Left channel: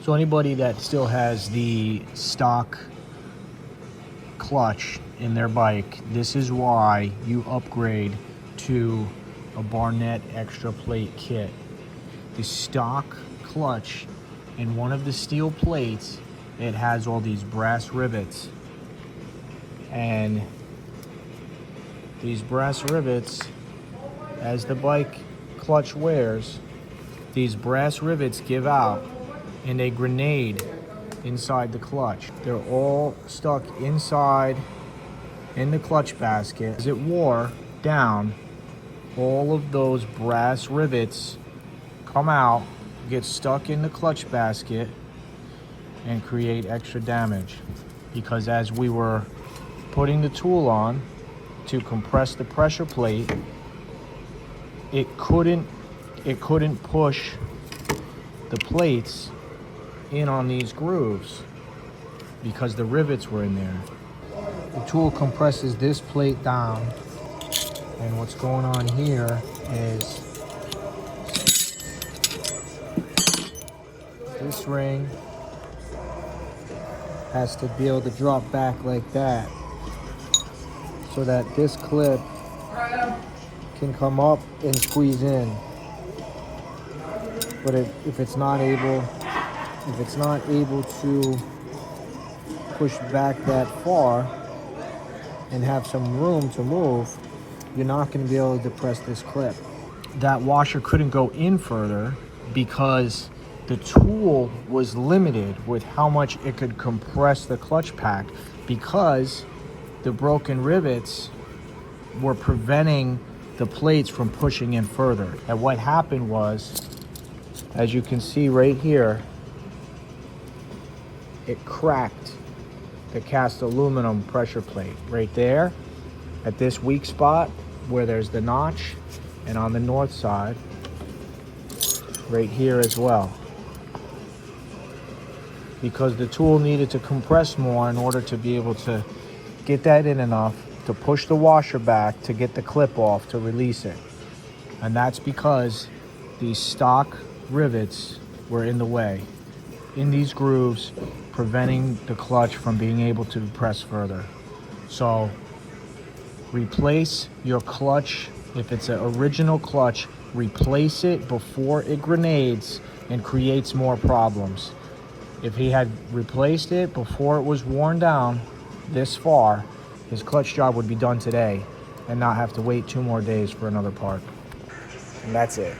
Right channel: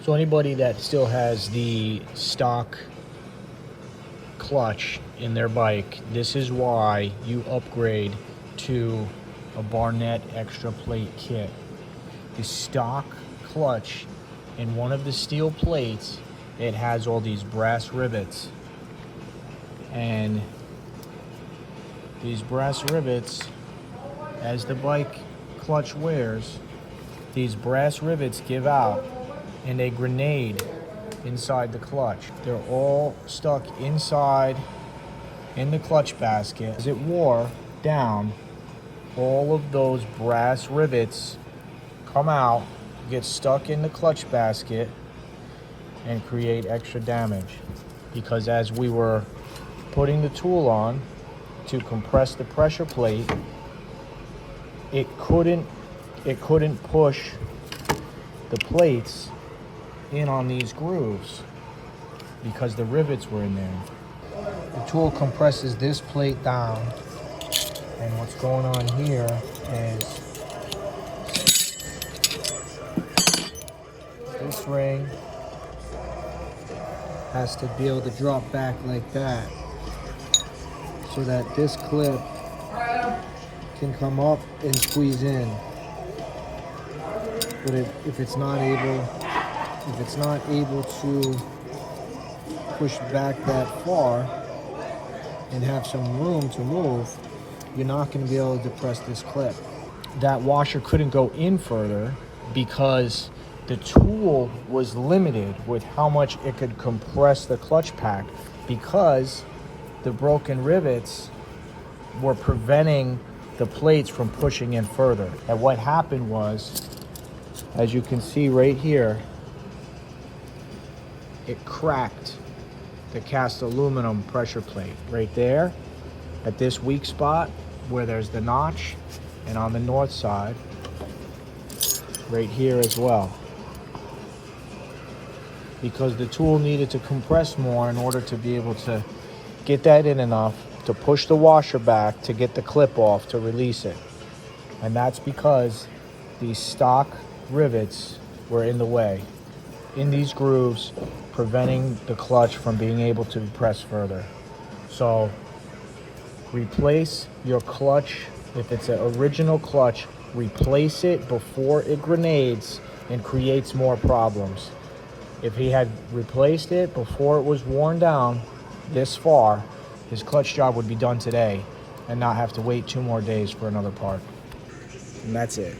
So anybody that still has the stock clutch in their bike, this is why you upgrade to a Barnett extra plate kit. The stock clutch, in one of the steel plates, it has all these brass rivets, and these brass rivets, as the bike clutch wears, these brass rivets give out and they grenade inside the clutch. They're all stuck inside in the clutch basket. As it wore down, all of those brass rivets come out, get stuck in the clutch basket, and create extra damage. Because as we were putting the tool on to compress the pressure plate, it couldn't push the plates in on these grooves because the rivets were in there. The tool compresses this plate down, and what's going on here is this ring has to be able to drop back like that so that this clip can come up and squeeze in. But if it's not able to push back that far and have some room to move, you're not going to be able to depress this clip. That washer couldn't go in further because the tool was limited with how much it could compress the clutch pack, because the broken rivets were preventing the plates from pushing in further. And what happened was, as you can see right here, it cracked the cast aluminum pressure plate right there at this weak spot where there's the notch, and on the north side right here as well, because the tool needed to compress more in order to be able to get that in enough to push the washer back to get the clip off to release it. And that's because these stock rivets were in the way, in these grooves, preventing the clutch from being able to press further. So replace your clutch. If it's an original clutch, replace it before it grenades and creates more problems. If he had replaced it before it was worn down this far, his clutch job would be done today and not have to wait 2 more days for another part. And that's it.